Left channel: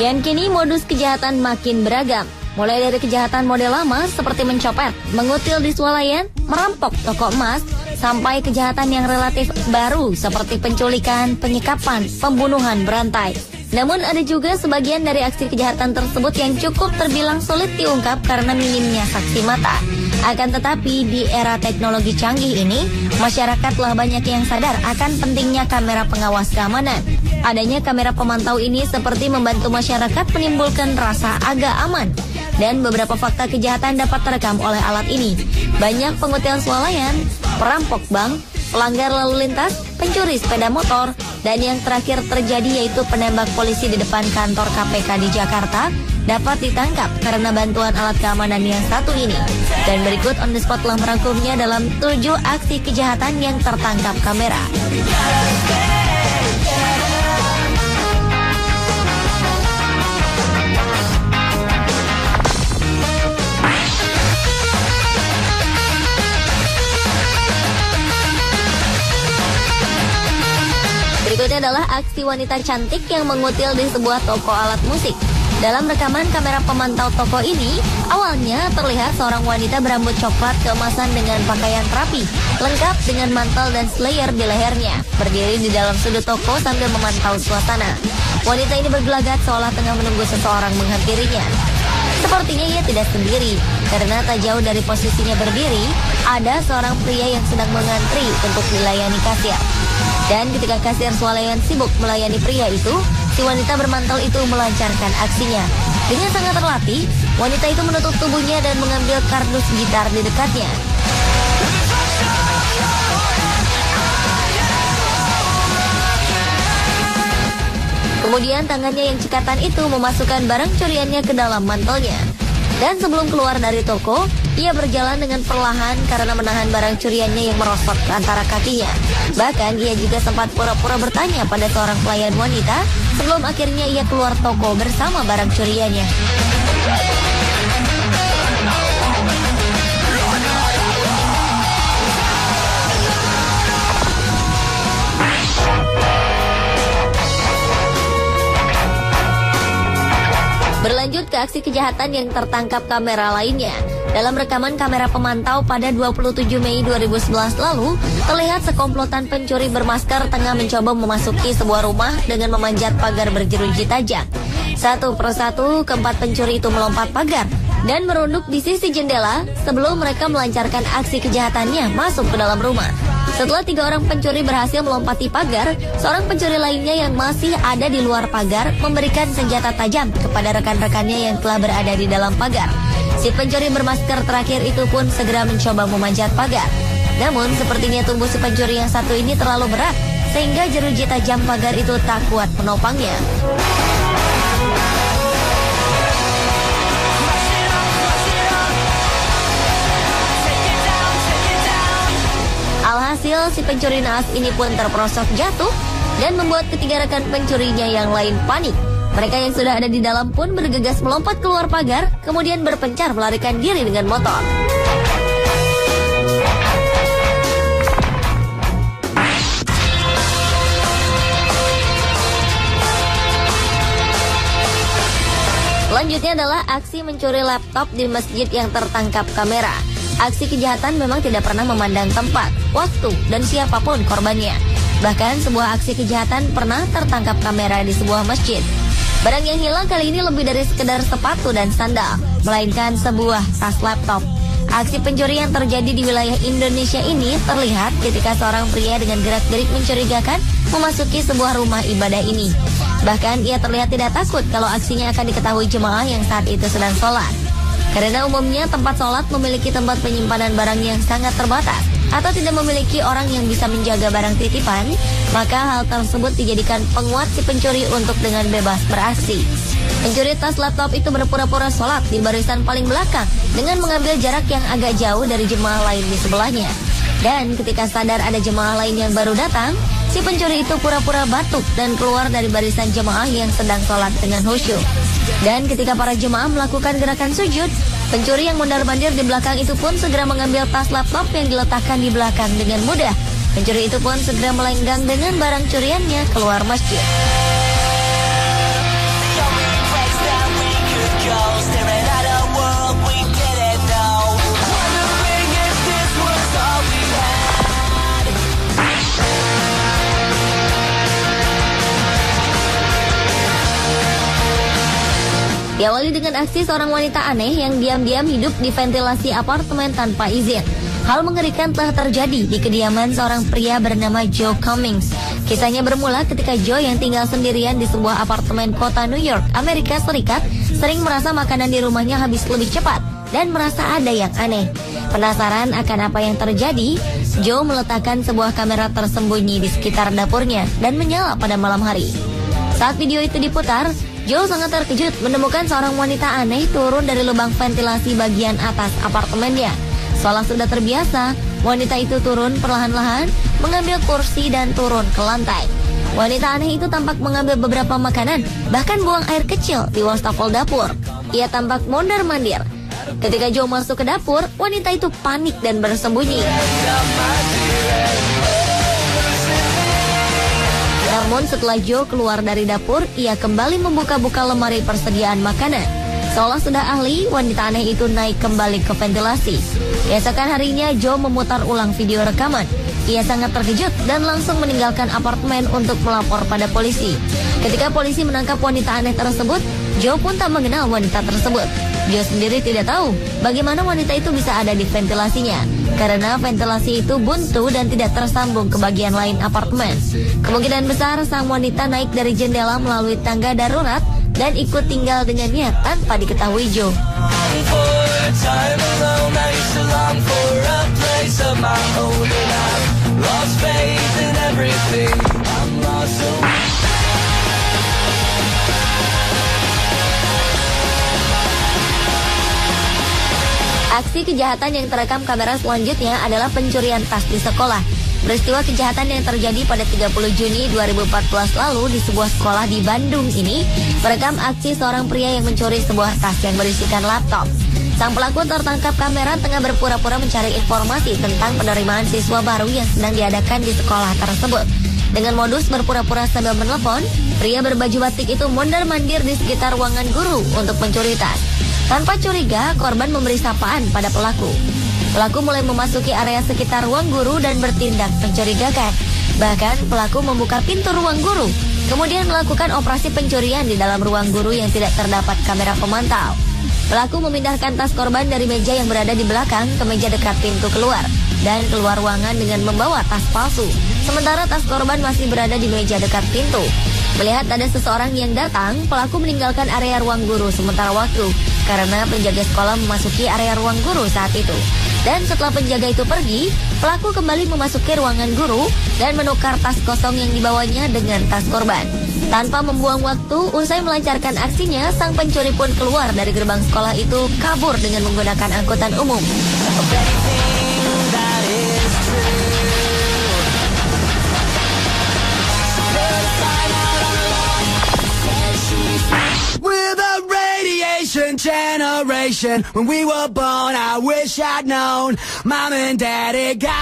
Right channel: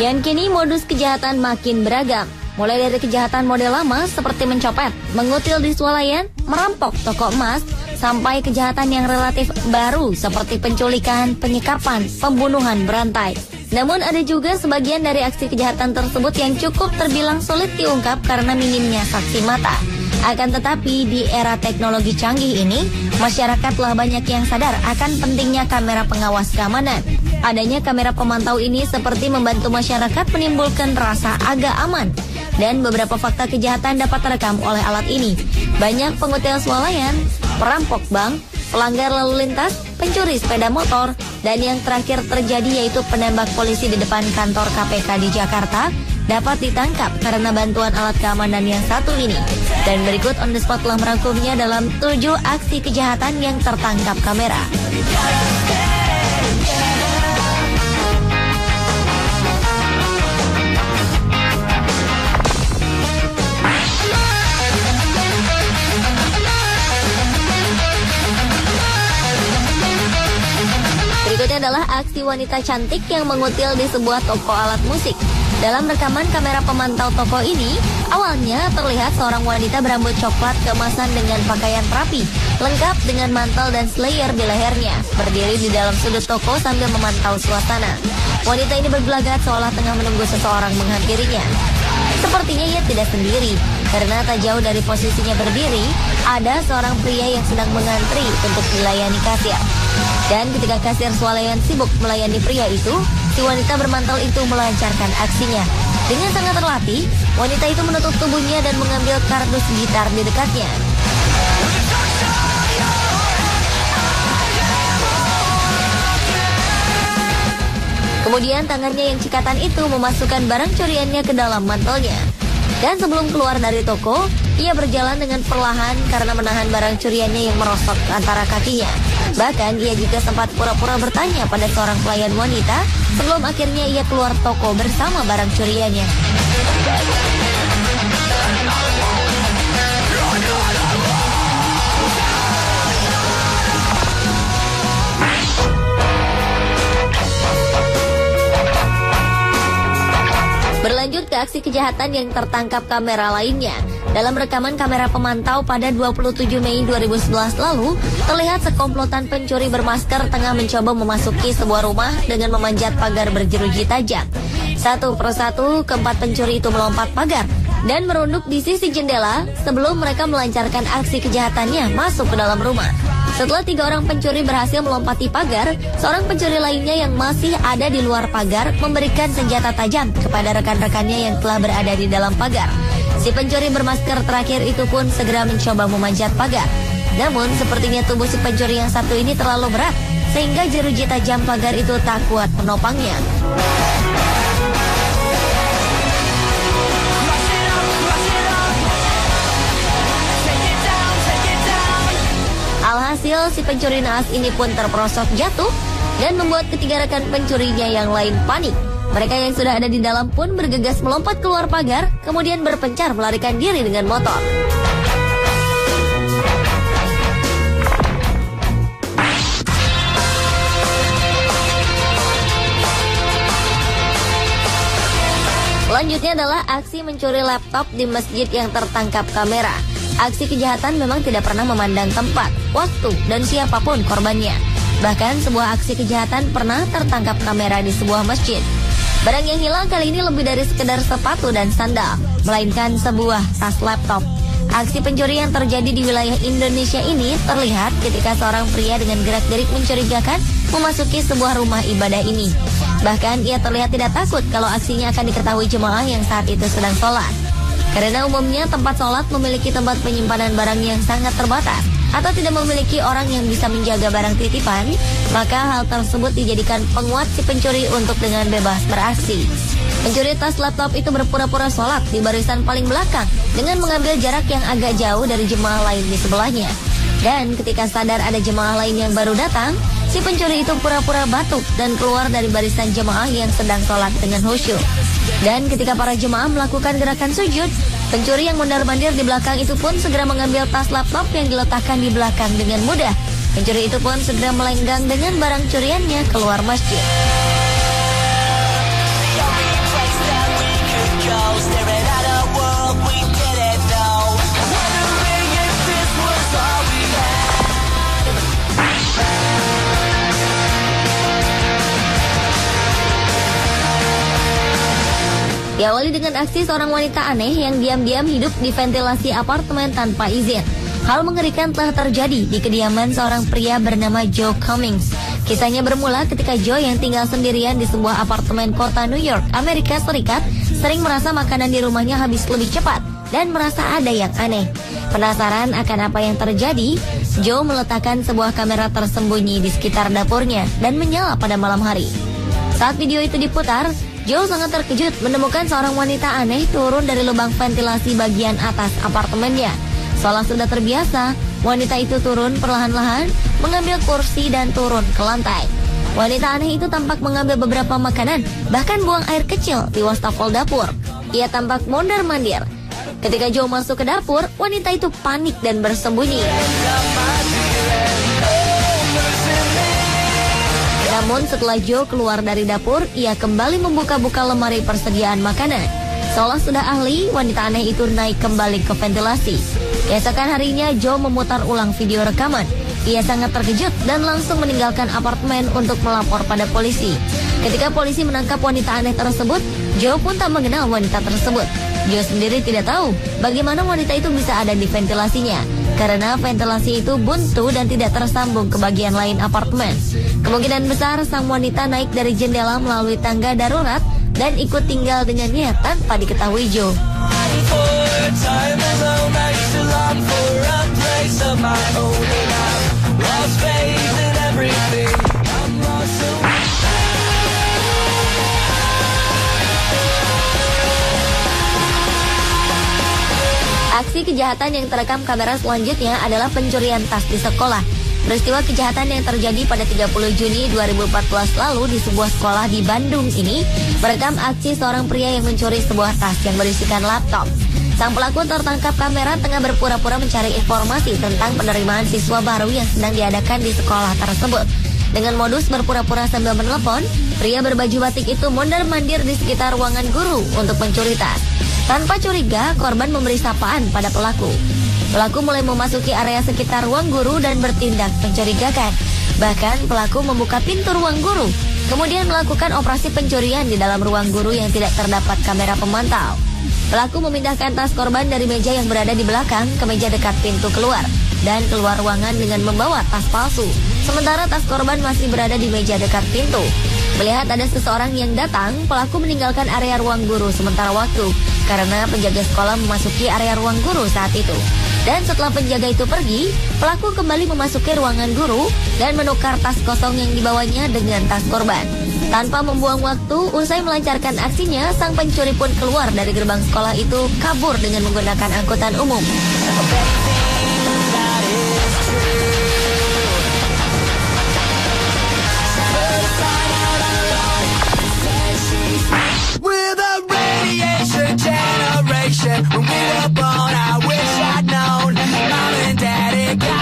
Kian kini modus kejahatan makin beragam. Mulai dari kejahatan model lama seperti mencopet, mengutil di swalayan, merampok toko emas, sampai kejahatan yang relatif baru seperti penculikan, penyikapan, pembunuhan berantai. Namun ada juga sebagian dari aksi kejahatan tersebut yang cukup terbilang sulit diungkap karena minimnya saksi mata. Akan tetapi di era teknologi canggih ini, masyarakat telah banyak yang sadar akan pentingnya kamera pengawas keamanan. Adanya kamera pemantau ini seperti membantu masyarakat menimbulkan rasa agak aman. Dan beberapa fakta kejahatan dapat terekam oleh alat ini. Banyak pemutil swalayan, perampok bank, pelanggar lalu lintas, pencuri sepeda motor, dan yang terakhir terjadi yaitu penembak polisi di depan kantor KPK di Jakarta dapat ditangkap karena bantuan alat keamanan yang satu ini. Dan berikut On The Spot telah merangkumnya dalam 7 aksi kejahatan yang tertangkap kamera. Adalah aksi wanita cantik yang mengutil di sebuah toko alat musik. Dalam rekaman kamera pemantau toko ini, awalnya terlihat seorang wanita berambut coklat keemasan dengan pakaian rapi, lengkap dengan mantel dan slayer di lehernya, berdiri di dalam sudut toko sambil memantau suasana. Wanita ini bergelagat seolah tengah menunggu seseorang menghampirinya. Sepertinya ia tidak sendiri, karena tak jauh dari posisinya berdiri, ada seorang pria yang sedang mengantri untuk dilayani kasir. Dan ketika kasir swalayan sibuk melayani pria itu, si wanita bermantel itu melancarkan aksinya. Dengan sangat terlatih, wanita itu menutup tubuhnya dan mengambil kardus gitar di dekatnya. Kemudian tangannya yang cikatan itu memasukkan barang curiannya ke dalam mantelnya. Dan sebelum keluar dari toko, ia berjalan dengan perlahan karena menahan barang curiannya yang merosot ke antara kakinya. Bahkan dia juga sempat pura-pura bertanya pada seorang pelayan wanita sebelum akhirnya ia keluar toko bersama barang curiannya. Berlanjut ke aksi kejahatan yang tertangkap kamera lainnya. Dalam rekaman kamera pemantau pada 27 Mei 2011 lalu, terlihat sekomplotan pencuri bermasker tengah mencoba memasuki sebuah rumah dengan memanjat pagar berjeruji tajam. Satu persatu, keempat pencuri itu melompat pagar dan merunduk di sisi jendela sebelum mereka melancarkan aksi kejahatannya masuk ke dalam rumah. Setelah 3 orang pencuri berhasil melompati pagar, seorang pencuri lainnya yang masih ada di luar pagar memberikan senjata tajam kepada rekan-rekannya yang telah berada di dalam pagar. Si pencuri bermasker terakhir itu pun segera mencoba memanjat pagar. Namun sepertinya tubuh si pencuri yang satu ini terlalu berat, sehingga jeruji tajam pagar itu tak kuat menopangnya. Alhasil si pencuri naas ini pun terperosok jatuh dan membuat ketiga rekan pencurinya yang lain panik. Mereka yang sudah ada di dalam pun bergegas melompat keluar pagar, kemudian berpencar melarikan diri dengan motor. Selanjutnya adalah aksi mencuri laptop di masjid yang tertangkap kamera. Aksi kejahatan memang tidak pernah memandang tempat, waktu, dan siapapun korbannya. Bahkan sebuah aksi kejahatan pernah tertangkap kamera di sebuah masjid. Barang yang hilang kali ini lebih dari sekedar sepatu dan sandal, melainkan sebuah tas laptop. Aksi pencurian terjadi di wilayah Indonesia ini terlihat ketika seorang pria dengan gerak-gerik mencurigakan memasuki sebuah rumah ibadah ini. Bahkan ia terlihat tidak takut kalau aksinya akan diketahui jemaah yang saat itu sedang sholat. Karena umumnya tempat sholat memiliki tempat penyimpanan barang yang sangat terbatas atau tidak memiliki orang yang bisa menjaga barang titipan, maka hal tersebut dijadikan penguat si pencuri untuk dengan bebas beraksi. Pencuri tas laptop itu berpura-pura sholat di barisan paling belakang dengan mengambil jarak yang agak jauh dari jemaah lain di sebelahnya. Dan ketika sadar ada jemaah lain yang baru datang, si pencuri itu pura-pura batuk dan keluar dari barisan jemaah yang sedang sholat dengan khusyuk. Dan ketika para jemaah melakukan gerakan sujud, pencuri yang mondar-mandir di belakang itu pun segera mengambil tas laptop yang diletakkan di belakang dengan mudah. Pencuri itu pun segera melenggang dengan barang curiannya keluar masjid. Diawali dengan aksi seorang wanita aneh yang diam-diam hidup di ventilasi apartemen tanpa izin. Hal mengerikan telah terjadi di kediaman seorang pria bernama Joe Cummings. Kisahnya bermula ketika Joe yang tinggal sendirian di sebuah apartemen kota New York, Amerika Serikat, sering merasa makanan di rumahnya habis lebih cepat dan merasa ada yang aneh. Penasaran akan apa yang terjadi, Joe meletakkan sebuah kamera tersembunyi di sekitar dapurnya dan menyala pada malam hari. Saat video itu diputar, Joe sangat terkejut menemukan seorang wanita aneh turun dari lubang ventilasi bagian atas apartemennya. Seolah sudah terbiasa, wanita itu turun perlahan-lahan, mengambil kursi dan turun ke lantai. Wanita aneh itu tampak mengambil beberapa makanan, bahkan buang air kecil di wastafel dapur. Ia tampak mondar-mandir. Ketika Joe masuk ke dapur, wanita itu panik dan bersembunyi. Namun setelah Joe keluar dari dapur, ia kembali membuka-buka lemari persediaan makanan. Seolah sudah ahli, wanita aneh itu naik kembali ke ventilasi. Keesokan harinya, Joe memutar ulang video rekaman. Ia sangat terkejut dan langsung meninggalkan apartemen untuk melapor pada polisi. Ketika polisi menangkap wanita aneh tersebut, Joe pun tak mengenal wanita tersebut. Joe sendiri tidak tahu bagaimana wanita itu bisa ada di ventilasinya, karena ventilasi itu buntu dan tidak tersambung ke bagian lain apartemen. Kemungkinan besar sang wanita naik dari jendela melalui tangga darurat dan ikut tinggal dengannya tanpa diketahui Joe. Aksi kejahatan yang terekam kamera selanjutnya adalah pencurian tas di sekolah. Peristiwa kejahatan yang terjadi pada 30 Juni 2014 lalu di sebuah sekolah di Bandung ini merekam aksi seorang pria yang mencuri sebuah tas yang berisikan laptop. Sang pelaku tertangkap kamera tengah berpura-pura mencari informasi tentang penerimaan siswa baru yang sedang diadakan di sekolah tersebut. Dengan modus berpura-pura sambil menelpon, pria berbaju batik itu mondar-mandir di sekitar ruangan guru untuk mencuri tas. Tanpa curiga, korban memberi sapaan pada pelaku. Pelaku mulai memasuki area sekitar ruang guru dan bertindak mencurigakan. Bahkan pelaku membuka pintu ruang guru, kemudian melakukan operasi pencurian di dalam ruang guru yang tidak terdapat kamera pemantau. Pelaku memindahkan tas korban dari meja yang berada di belakang ke meja dekat pintu keluar dan keluar ruangan dengan membawa tas palsu. Sementara tas korban masih berada di meja dekat pintu. Melihat ada seseorang yang datang, pelaku meninggalkan area ruang guru sementara waktu karena penjaga sekolah memasuki area ruang guru saat itu. Dan setelah penjaga itu pergi, pelaku kembali memasuki ruangan guru dan menukar tas kosong yang dibawanya dengan tas korban. Tanpa membuang waktu, usai melancarkan aksinya, sang pencuri pun keluar dari gerbang sekolah itu kabur dengan menggunakan angkutan umum.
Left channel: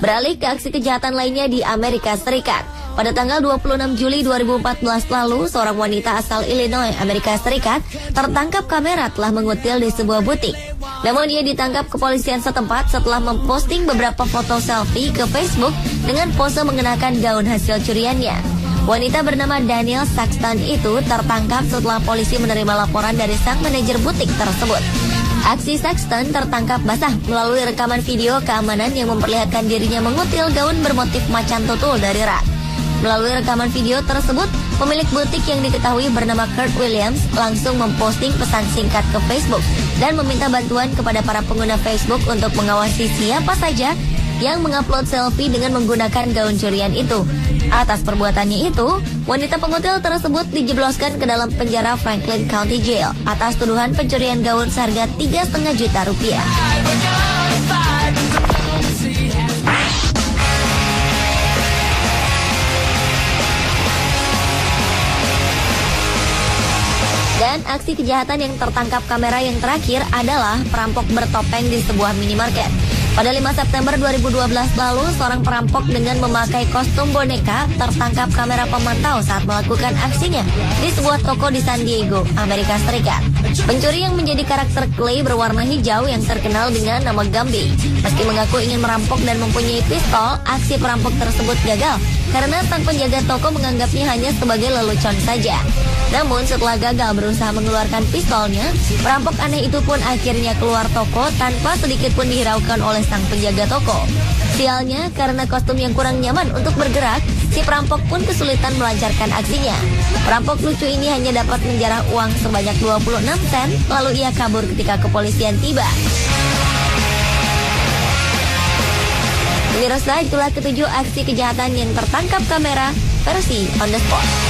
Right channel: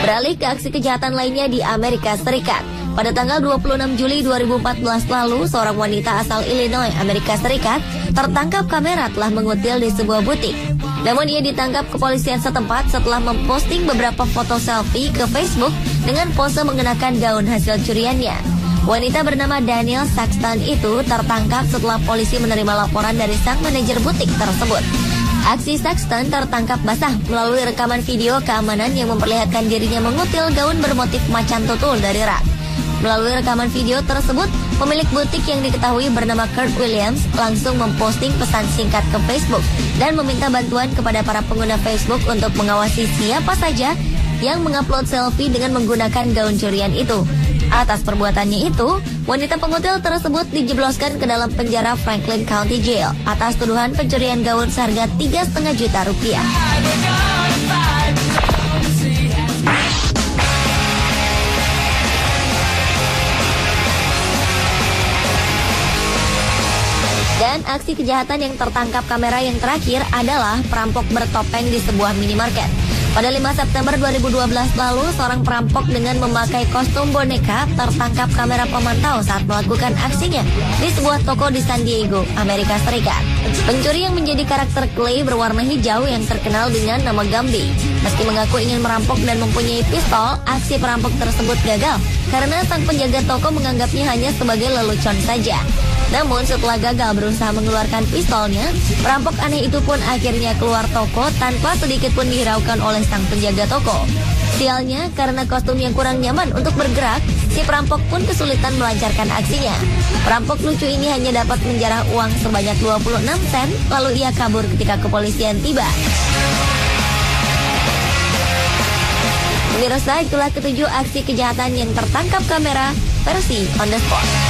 Beralih ke aksi kejahatan lainnya di Amerika Serikat. Pada tanggal 26 Juli 2014 lalu, seorang wanita asal Illinois, Amerika Serikat, tertangkap kamera telah mengutil di sebuah butik. Namun ia ditangkap kepolisian setempat setelah memposting beberapa foto selfie ke Facebook dengan pose mengenakan gaun hasil curiannya. Wanita bernama Daniel Saxton itu tertangkap setelah polisi menerima laporan dari sang manajer butik tersebut. Aksi Saxton tertangkap basah melalui rekaman video keamanan yang memperlihatkan dirinya mengutil gaun bermotif macan tutul dari rak. Melalui rekaman video tersebut, pemilik butik yang diketahui bernama Kurt Williams langsung memposting pesan singkat ke Facebook dan meminta bantuan kepada para pengguna Facebook untuk mengawasi siapa saja yang mengupload selfie dengan menggunakan gaun curian itu. Atas perbuatannya itu, wanita pengutil tersebut dijebloskan ke dalam penjara Franklin County Jail atas tuduhan pencurian gaun seharga 3,5 juta rupiah. Dan aksi kejahatan yang tertangkap kamera yang terakhir adalah perampok bertopeng di sebuah minimarket. Pada 5 September 2012 lalu, seorang perampok dengan memakai kostum boneka tertangkap kamera pemantau saat melakukan aksinya di sebuah toko di San Diego, Amerika Serikat. Pencuri yang menjadi karakter Clay berwarna hijau yang terkenal dengan nama Gambi. Meski mengaku ingin merampok dan mempunyai pistol, aksi perampok tersebut gagal karena sang penjaga toko menganggapnya hanya sebagai lelucon saja. Namun setelah gagal berusaha mengeluarkan pistolnya, perampok aneh itu pun akhirnya keluar toko tanpa sedikit pun dihiraukan oleh sang penjaga toko. Sialnya, karena kostum yang kurang nyaman untuk bergerak, si perampok pun kesulitan melancarkan aksinya. Perampok lucu ini hanya dapat menjarah uang sebanyak 26 sen, lalu ia kabur ketika kepolisian tiba. Pemirsa, itulah ketujuh aksi kejahatan yang tertangkap kamera versi on the spot.